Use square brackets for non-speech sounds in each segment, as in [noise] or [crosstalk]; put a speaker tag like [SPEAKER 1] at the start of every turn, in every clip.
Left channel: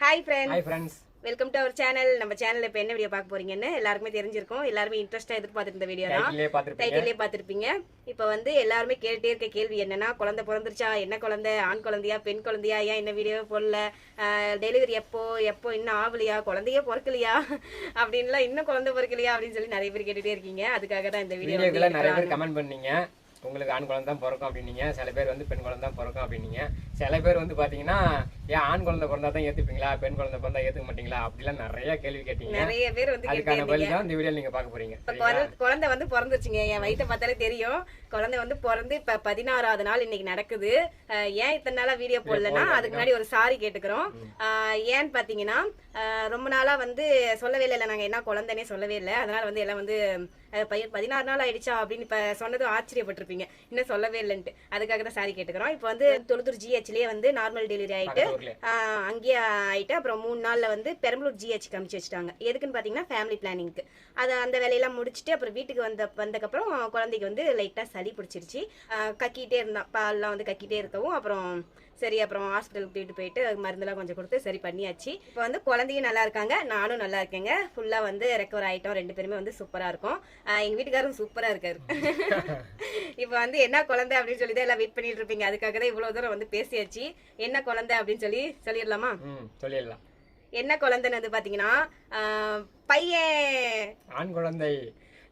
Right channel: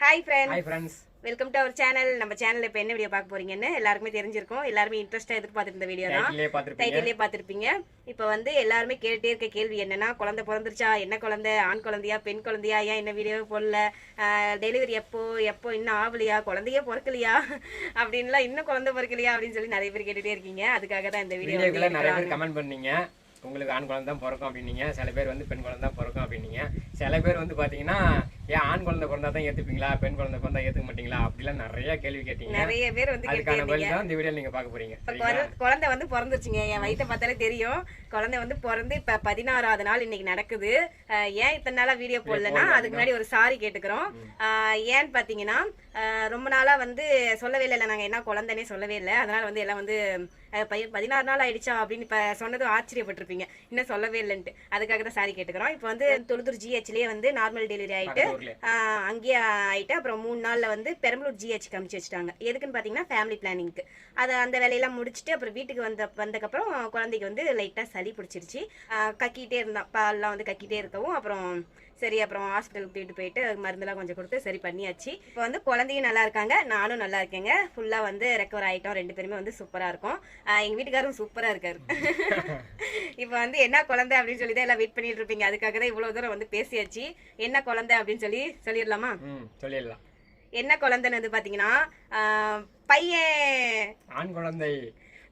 [SPEAKER 1] Hi friend
[SPEAKER 2] hi friends
[SPEAKER 1] welcome to our channel நம்ம சேனல்ல இப்போ என்ன வீடியோ பார்க்க போறீங்கன்னு எல்லாருமே தெரிஞ்சிருக்கும். எல்லாருமே இன்ட்ரெஸ்டா எதிர்பார்த்துட்டு இருந்த வீடியோ தான்.
[SPEAKER 2] டைட்டிலே பார்த்துருப்பீங்க.
[SPEAKER 1] இப்போ வந்து எல்லாருமே கேட்டுட்டே இருக்க கேள்வி என்னன்னா குழந்தை பிறந்துருச்சா? என்ன குழந்தை? ஆண் குழந்தையா? பெண் குழந்தையா? ஏன் என்ன வீடியோ போடல? டெலிவரி எப்போ? எப்போ இன்னும் ஆகலையா குழந்தையே பிறக்கலையா? அப்படின்லாம் இன்னும் குழந்தை பிறக்கலையா? அப்படின்னு சொல்லி நிறைய பேர் கேட்டுட்டே இருக்கீங்க. அதுக்காக தான் இந்த வீடியோ
[SPEAKER 2] நிறைய பேர் கமெண்ட் பண்ணீங்க. உங்களுக்கு ஆண் குழந்தை தான் பிறக்கும் அப்படின்னீங்க. சில பேர் வந்து பெண் குழந்தை தான் பிறக்கும் அப்படின்னீங்க. சில பேர் வந்து பாத்தீங்கன்னா ஏன் ஆண் குழந்தை பிறந்தா தான் ஏத்துப்பீங்களா? பெண் குழந்தை பிறந்தா ஏத்துக்க மாட்டீங்களா? அப்படிலாம் நிறைய கேள்வி கேட்டீங்க.
[SPEAKER 1] நிறைய பேர் வந்து
[SPEAKER 2] அதுக்கான பதில் தான் இந்த வீடியோ நீங்க பார்க்க போறீங்க.
[SPEAKER 1] குழந்தை வந்து பிறந்துருச்சுங்க. என் வயித்தை பார்த்தாலே தெரியும். குழந்தை வந்து பிறந்து இப்ப பதினாறாவது நாள் இன்னைக்கு நடக்குது. ஏன் இத்தனை நாளா வீடியோ போடலன்னா அதுக்கு முன்னாடி ஒரு சாரி கேட்டுக்கிறோம். ஏன்னு பாத்தீங்கன்னா ரொம்ப நாளா வந்து சொல்லவே இல்லை. நாங்க என்ன குழந்தைனே சொல்லவே இல்லை. அதனால வந்து எல்லாம் வந்து பையன் பதினாறு நாள் ஆயிடுச்சா அப்படின்னு இப்ப சொன்னதும் ஆச்சரியப்பட்டிருப்பீங்க. இன்னும் சொல்லவே இல்லைன்ட்டு. அதுக்காக தான் சாரி கேட்டுக்கிறோம். இப்போ வந்து தொழுத்தூர் ஜிஹெச்லயே வந்து நார்மல் டெலிவரி ஆயிட்டு அங்கேயே ஆயிட்டு அப்புறம் மூணு நாள்ல வந்து பெரம்பலூர் ஜிஹெச் காமிச்சு வச்சுட்டாங்க. எதுக்குன்னு பாத்தீங்கன்னா ஃபேமிலி பிளானிங்க்கு அது அந்த வேலையெல்லாம் முடிச்சுட்டு அப்புறம் வீட்டுக்கு வந்த வந்தக்கப்புறம் குழந்தைக்கு வந்து லைட்டா சளி பிடிச்சிருச்சு. கக்கிட்டே இருந்தான். பால்லாம் வந்து கக்கிட்டே இருக்கவும் அப்புறம் சரி அப்புறம் ஹாஸ்பிட்டலுக்கு தூக்கிட்டு போயிட்டு மருந்தெல்லாம் கொஞ்சம் கொடுத்து சரி பண்ணியாச்சு. இப்போ வந்து குழந்தையும் நல்லா இருக்காங்க நானும் நல்லா இருக்கேங்க. ஃபுல்லா வந்து ரெக்கவர் ஆயிட்டோம். ரெண்டு பேருமே வந்து சூப்பரா இருக்கும். ஆஹ் எங்க வீட்டுக்காரரும் சூப்பரா இருக்காரு. [laughs] இப்போ வந்து என்ன குழந்தை அப்படின்னு சொல்லி தான் எல்லாம் வெயிட் பண்ணிட்டு இருப்பீங்க. அதுக்காக தான் இவ்வளவு தூரம் வந்து பேசியாச்சு. என்ன குழந்தை அப்படின்னு சொல்லி சொல்லிடலாமா?
[SPEAKER 2] சொல்லிடலாம்.
[SPEAKER 1] என்ன குழந்தைன்னு வந்து பாத்தீங்கன்னா ஆஹ் பையன்.
[SPEAKER 2] ஆண் குழந்தை.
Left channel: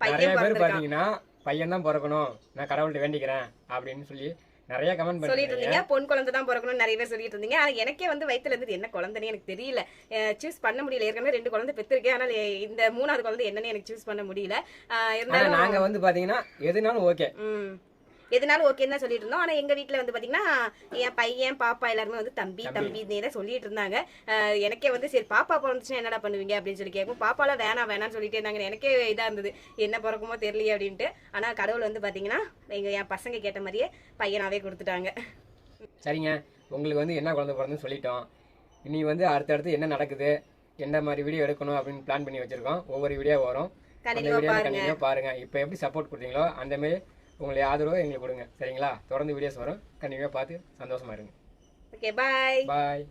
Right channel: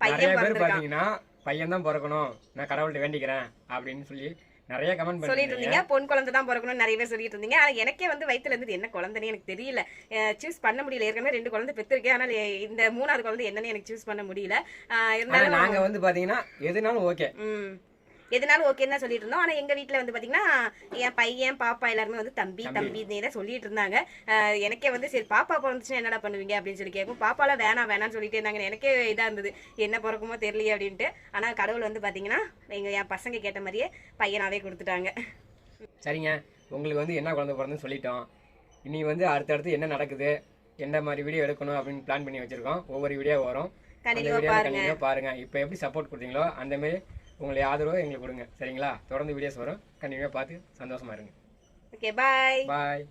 [SPEAKER 1] பையன்
[SPEAKER 2] நிறைய பேர்
[SPEAKER 1] பிறந்திருக்கான்.
[SPEAKER 2] பாத்தீங்கன்னா பையன் தான் பிறக்கணும். நான் கடவுள்கிட்ட வேண்டிக்கிறேன் அப்படின்னு சொல்லி நிறைய கமெண்ட்
[SPEAKER 1] சொல்லிட்டு இருந்தீங்க பொன் குழந்தை தான் பிறக்கணும்னு நிறைய பேர் சொல்லிட்டு இருந்தீங்க ஆனா எனக்கே வந்து வயித்துல இருந்து என்ன குழந்தைன்னு எனக்கு தெரியல. சூஸ் பண்ண முடியல. ஏற்கனவே ரெண்டு குழந்தை பெற்றிருக்கேன். ஆனால் இந்த மூணாவது குழந்தை என்னன்னு எனக்கு சூஸ் பண்ண முடியல. இருந்தாலும்
[SPEAKER 2] நாங்க வந்து பாத்தீங்கன்னா எதுனாலும் ஓகே
[SPEAKER 1] எதுனாலும் ஓகேன்னு தான் சொல்லிட்டு இருந்தோம் ஆனா எங்க வீட்ல வந்து பாத்தீங்கன்னா என் பையன் பாப்பா எல்லாருமே வந்து தம்பி தம்பி. தான் சொல்லிட்டு இருந்தாங்க எனக்கே வந்து சரி பாப்பா பிறந்துச்சுன்னா என்னடா பண்ணுவீங்க அப்படின்னு சொல்லி கேட்கும். பாப்பாலாம் வேணாம் வேணாம்னு சொல்லிட்டு இருந்தாங்க. எனக்கே இதா இருந்தது. என்ன பிறக்குமோ தெரியலையே அப்படின்ட்டு. ஆனா கடவுள் வந்து பாத்தீங்கன்னா எங்க என் பசங்க கேட்ட மாதிரியே பையனாவே கொடுத்துட்டாங்க.
[SPEAKER 2] சரிங்க. உங்களுக்கு வந்து என்ன குழந்தை பிறந்துன்னு சொல்லிட்டோம். இனி வந்து அடுத்தடுத்து என்ன நடக்குது எந்த மாதிரி வீடியோ எடுக்கணும் அப்படின்னு பிளான் பண்ணி வச்சிருக்கோம். ஒவ்வொரு வீடியோ வரும்.
[SPEAKER 1] பாருங்க.
[SPEAKER 2] பாருங்க. இப்போ எப்படி சப்போர்ட் கொடுத்தீங்களோ அந்த மாதிரி உங்களுடைய ஆதரவை எங்களுக்கு கொடுங்க. சரிங்களா? தொடர்ந்து வீடியோஸ் வரும். கண்டிப்பாக பார்த்து சந்தோஷமா இருங்க.
[SPEAKER 1] ஓகே பாய்
[SPEAKER 2] பாய்